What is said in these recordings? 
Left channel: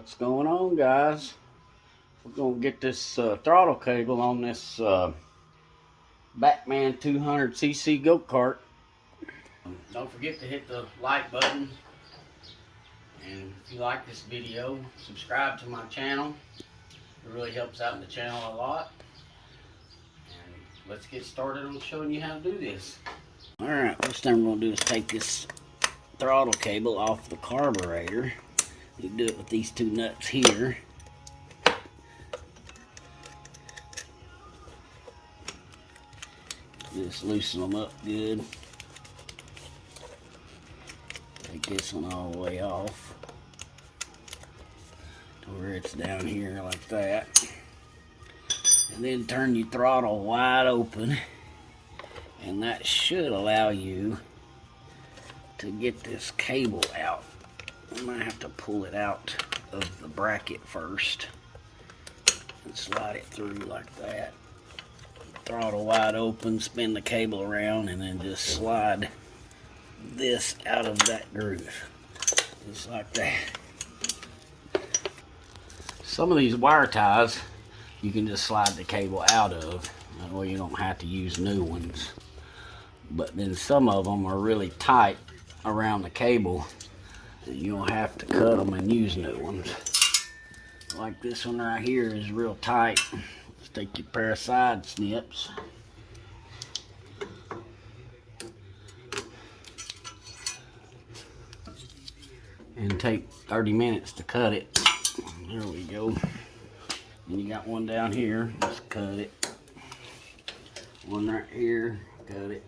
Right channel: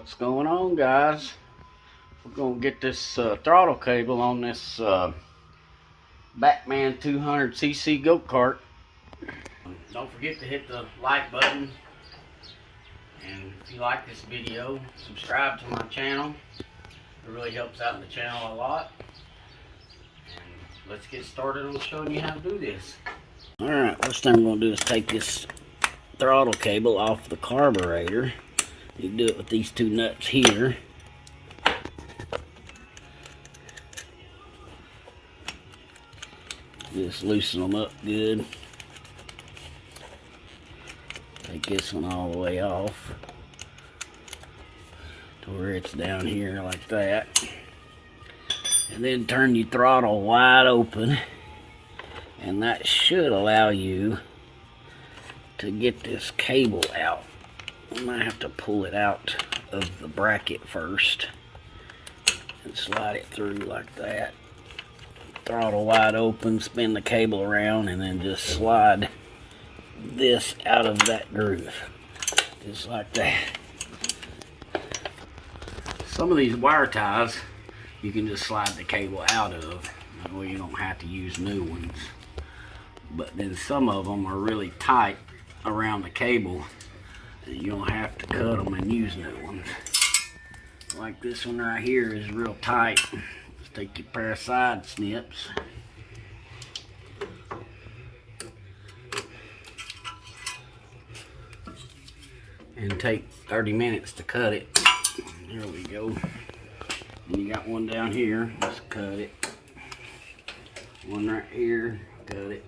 What's going on, guys? We're gonna get this throttle cable on this Batman 200cc go-kart. Don't forget to hit the like button, and if you like this video, subscribe to my channel. It really helps out the channel a lot. And let's get started on showing you how to do this. Alright, first thing we're gonna do is take this throttle cable off the carburetor. You can do it with these two nuts here. Just loosen them up good. Take this one all the way off to where it's down here like that. And then turn your throttle wide open, and that should allow you to get this cable out. I might have to pull it out of the bracket first and slide it through like that. Throttle wide open, spin the cable around, and then just slide this out of that groove. Just like that. Some of these wire ties you can just slide the cable out of. That way you don't have to use new ones. But then some of them are really tight around the cable. You don't have to cut them and use new ones. Like this one right here is real tight. Let's take your pair of side snips. And take 30 minutes to cut it. There we go. And you got one down here. Let's cut it. One right here. Cut it.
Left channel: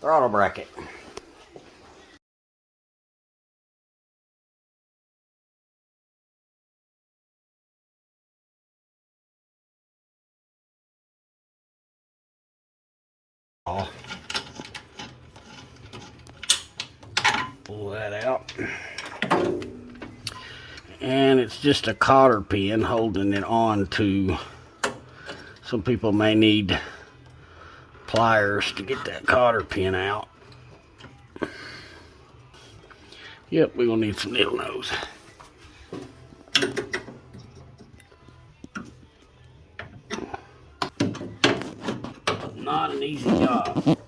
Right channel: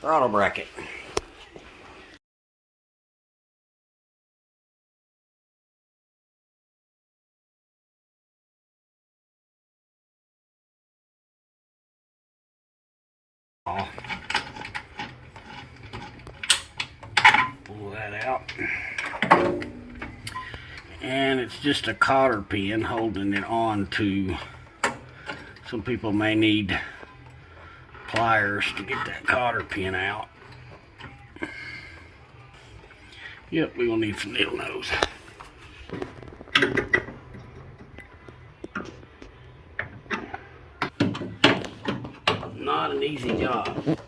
Throttle bracket. Pull that out. And it's just a cotter pin holding it on to. Some people may need pliers to get that cotter pin out. Yep, we're gonna need some needle nose. Not an easy job.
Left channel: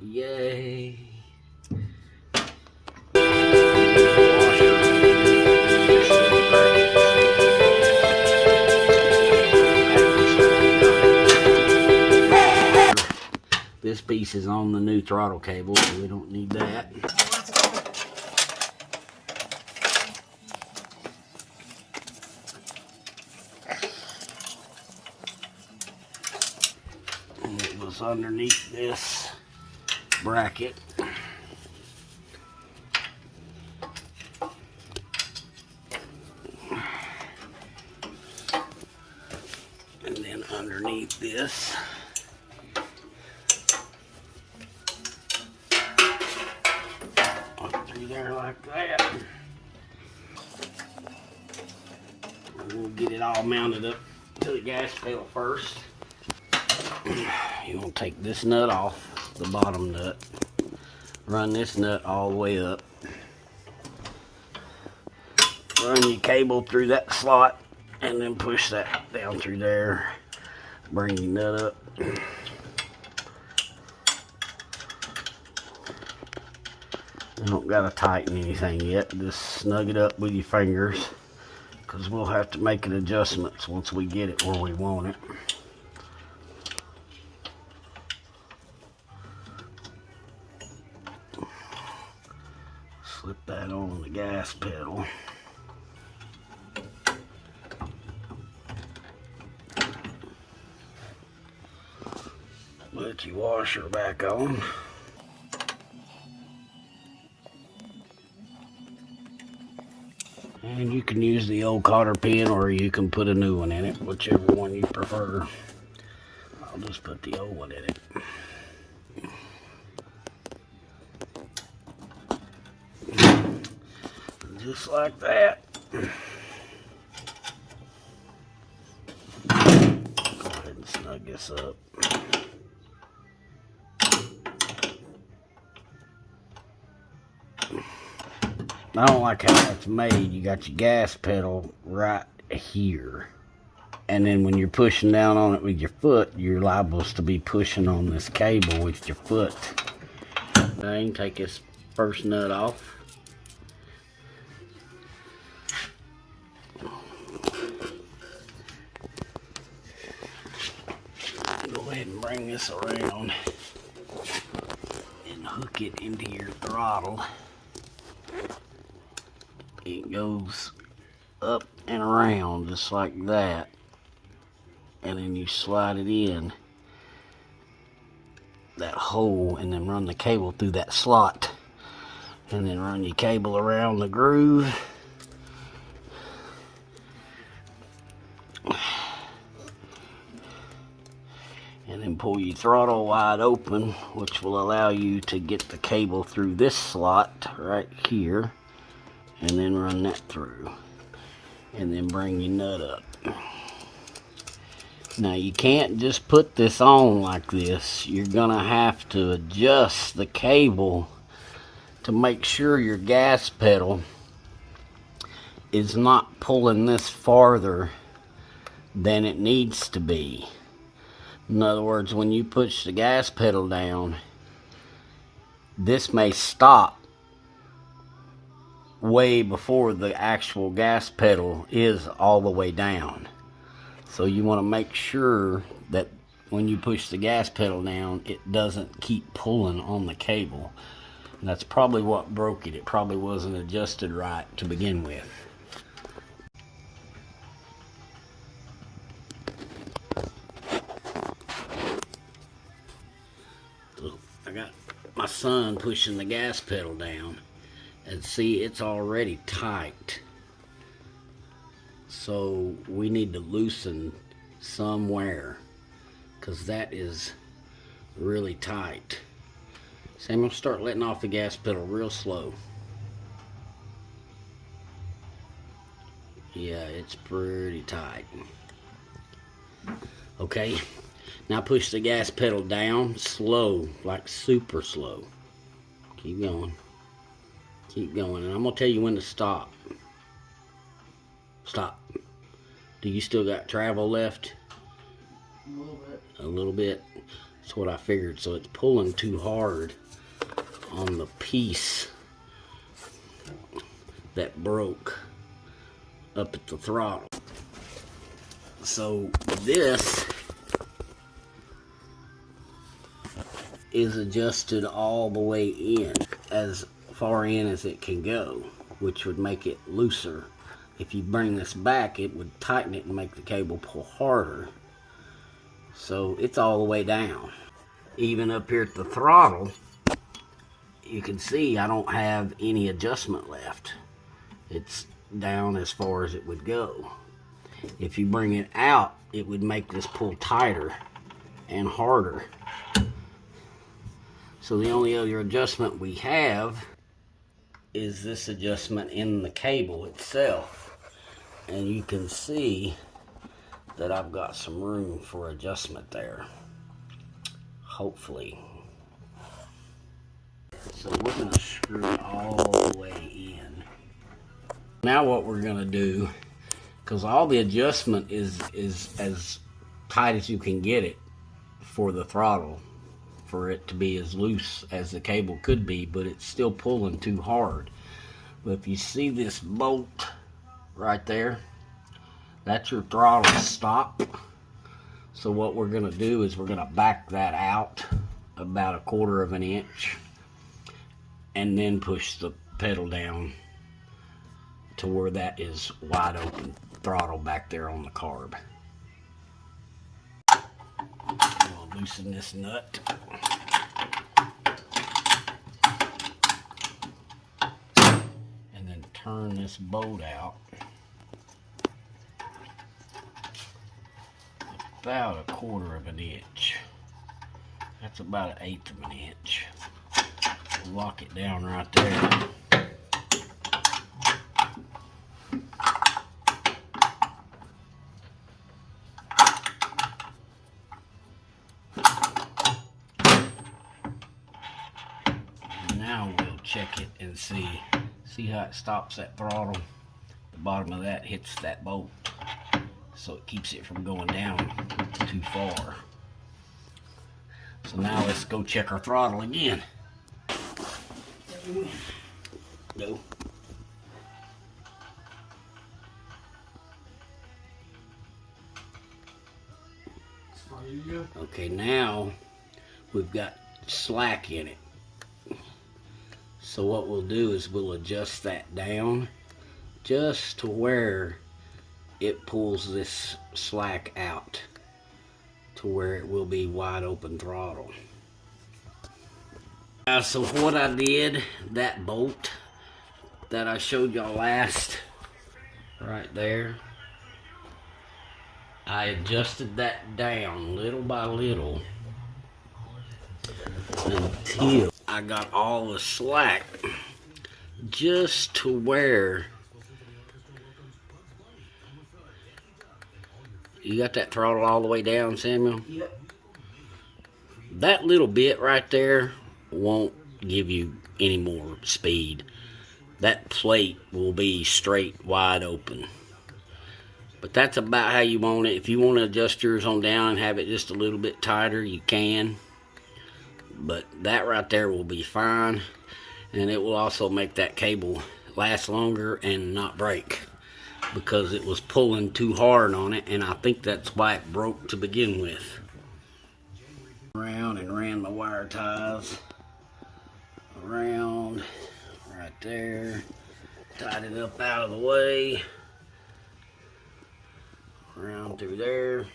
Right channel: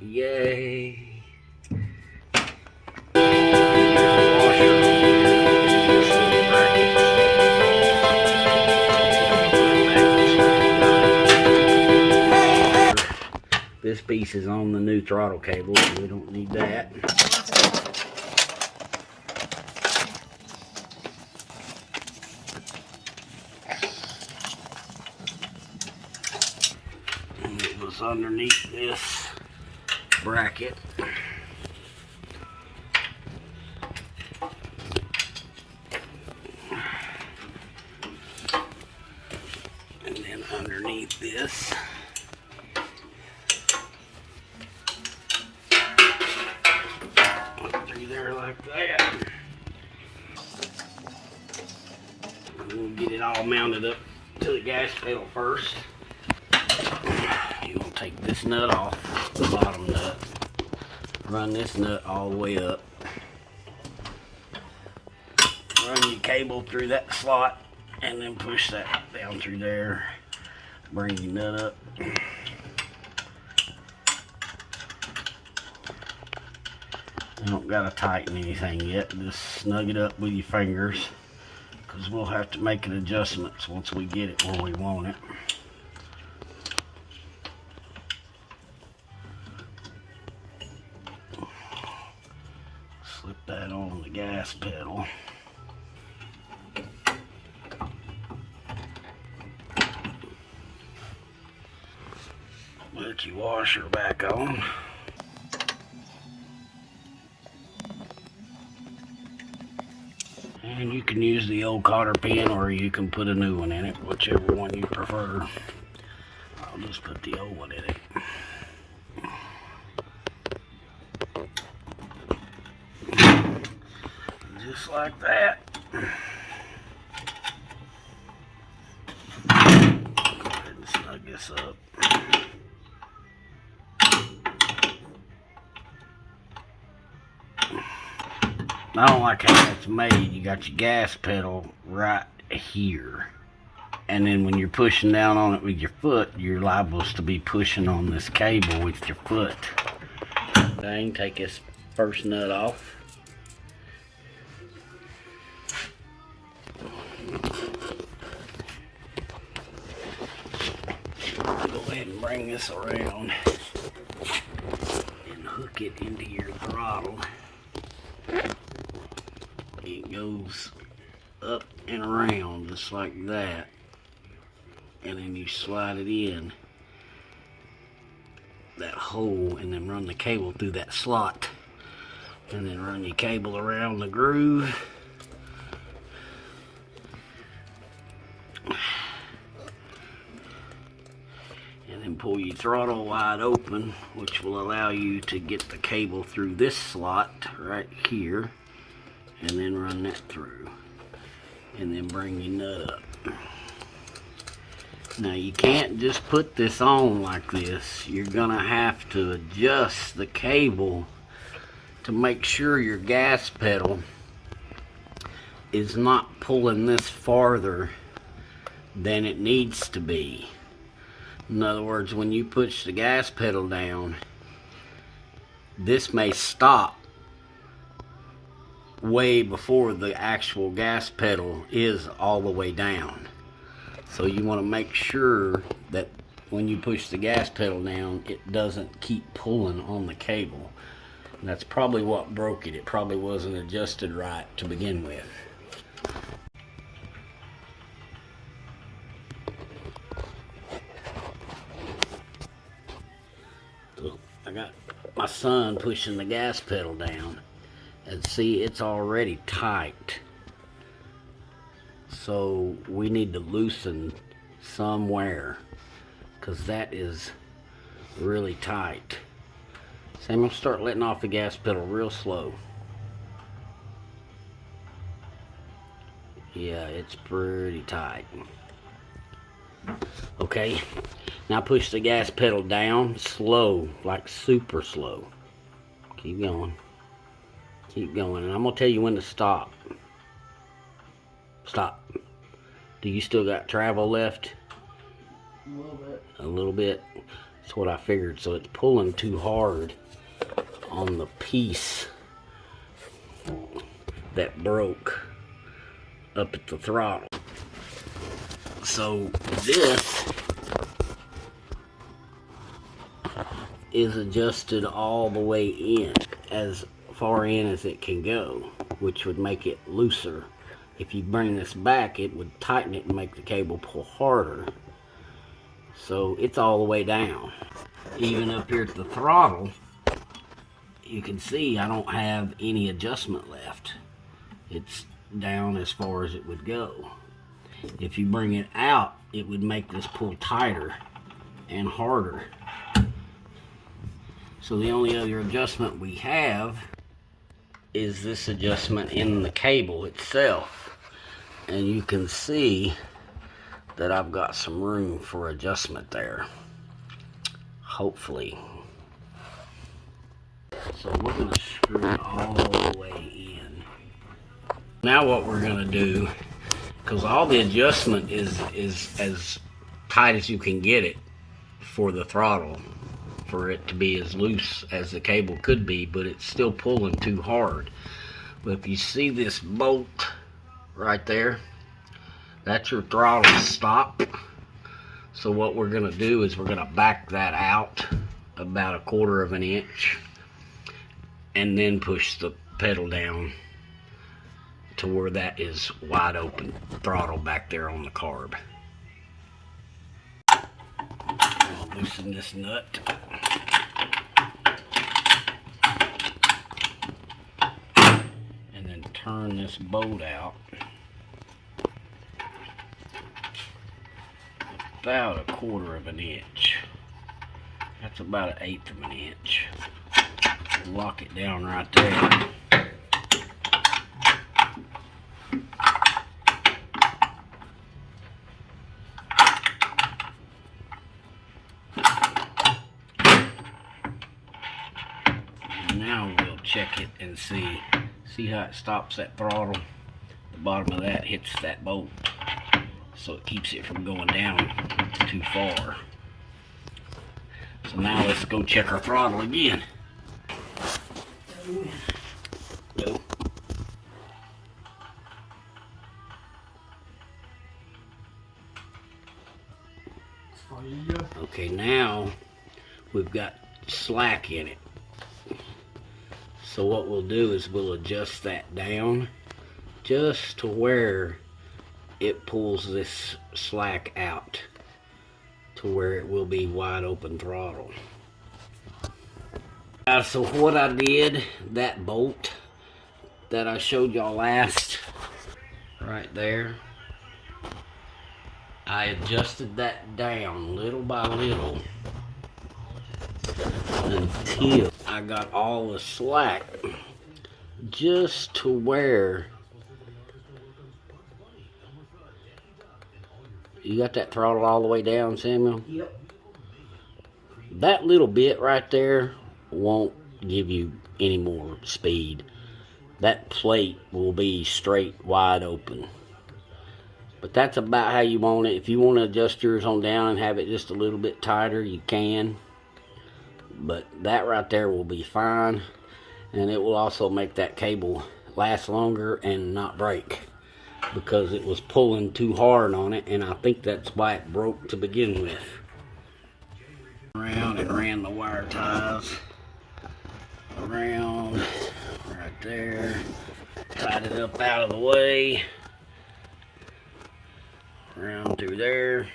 Yay. This piece is on the new throttle cable, so we don't need that. And it was underneath this bracket. And then underneath this. There like that. And we'll get it all mounted up to the gas pedal first. You will take this nut off, the bottom nut. Run this nut all the way up. Run your cable through that slot and then push that down through there. Bring your nut up. You don't gotta tighten anything yet. Just snug it up with your fingers, because we'll have to make adjustments once we get it where we want it. Slip that on the gas pedal. Put your washer back on. And you can use the old cotter pin, or you can put a new one in it, whichever one you prefer. I'll just put the old one in it. Just like that. Go ahead and snug this up. I don't like how it's made. You got your gas pedal right here, and then when you're pushing down on it with your foot, you're liable to be pushing on this cable with your foot. Take this first nut off. Go ahead and bring this around and hook it into your throttle. It goes up and around just like that, and then you slide it in that hole and then run the cable through that slot, and then run your cable around the groove. And then pull your throttle wide open, which will allow you to get the cable through this slot right here, and then run that through, and then bring your nut up. Now you can't just put this on like this. You're gonna have to adjust the cable to make sure your gas pedal is not pulling this farther than it needs to be. In other words, when you push the gas pedal down, this may stop way before the actual gas pedal is all the way down. So you want to make sure that when you push the gas pedal down, it doesn't keep pulling on the cable. And that's probably what broke it. It probably wasn't adjusted right to begin with. So I got my son pushing the gas pedal down, and see, it's already tight. So we need to loosen somewhere, because that is really tight. So I'm going to start letting off the gas pedal real slow. Yeah, it's pretty tight. Okay, now push the gas pedal down slow, like super slow. Keep going. Keep going, and I'm going to tell you when to stop. Stop. Do you still got travel left? A little bit. A little bit. That's what I figured. So it's pulling too hard on the piece that broke up at the throttle. So this is adjusted all the way in, as far in as it can go, which would make it looser. If you bring this back, it would tighten it and make the cable pull harder. So it's all the way down. Even up here at the throttle, you can see I don't have any adjustment left. It's down as far as it would go. If you bring it out, it would make this pull tighter and harder. So the only other adjustment we have is this adjustment in the cable itself. And you can see that I've got some room for adjustment there, hopefully. So we're going to screw it all the way in. Now what we're going to do, because all the adjustment is as tight as you can get it for the throttle, for it to be as loose as the cable could be, but it's still pulling too hard. But if you see this bolt right there, that's your throttle stop. So what we're gonna do is we're gonna back that out about 1/4 of an inch and then push the pedal down to where that is wide open throttle back there on the carb. I'll loosen this nut. And then turn this bolt out about 1/4 of an inch. That's about 1/8 of an inch. Lock it down right there. Now we'll check it and see how it stops that throttle. The bottom of that hits that bolt, so it keeps it from going down too far. So now let's go check our throttle again. Go. Okay, now we've got slack in it. So what we'll do is we'll adjust that down just to where it pulls this slack out to where it will be wide open throttle. So what I did, that bolt that I showed y'all last, right there, I adjusted that down little by little until I got all the slack just to where you got that throttle all the way down, Samuel? Yep. That little bit right there won't give you any more speed. That plate will be straight wide open. But that's about how you want it. If you want to adjust yours on down and have it just a little bit tighter, you can. But that right there will be fine. And it will also make that cable last longer and not break, because it was pulling too hard on it, and I think that's why it broke to begin with. Around and ran the wire ties around right there, tied it up out of the way, around through there,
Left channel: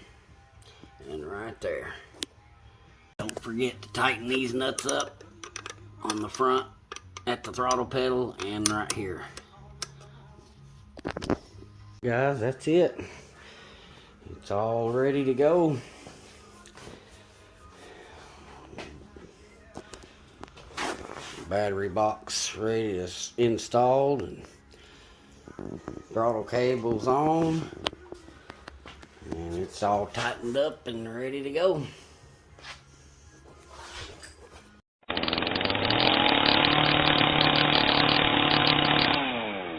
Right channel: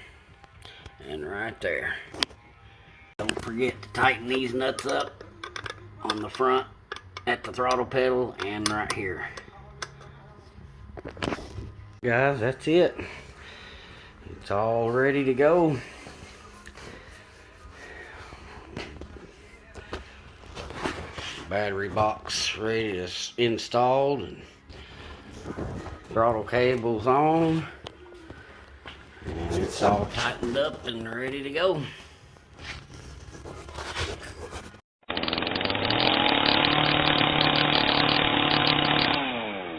and right there. Don't forget to tighten these nuts up on the front at the throttle pedal and right here. Guys, that's it. It's all ready to go. Battery box ready to installed, and throttle cables on, and it's all tightened up and ready to go.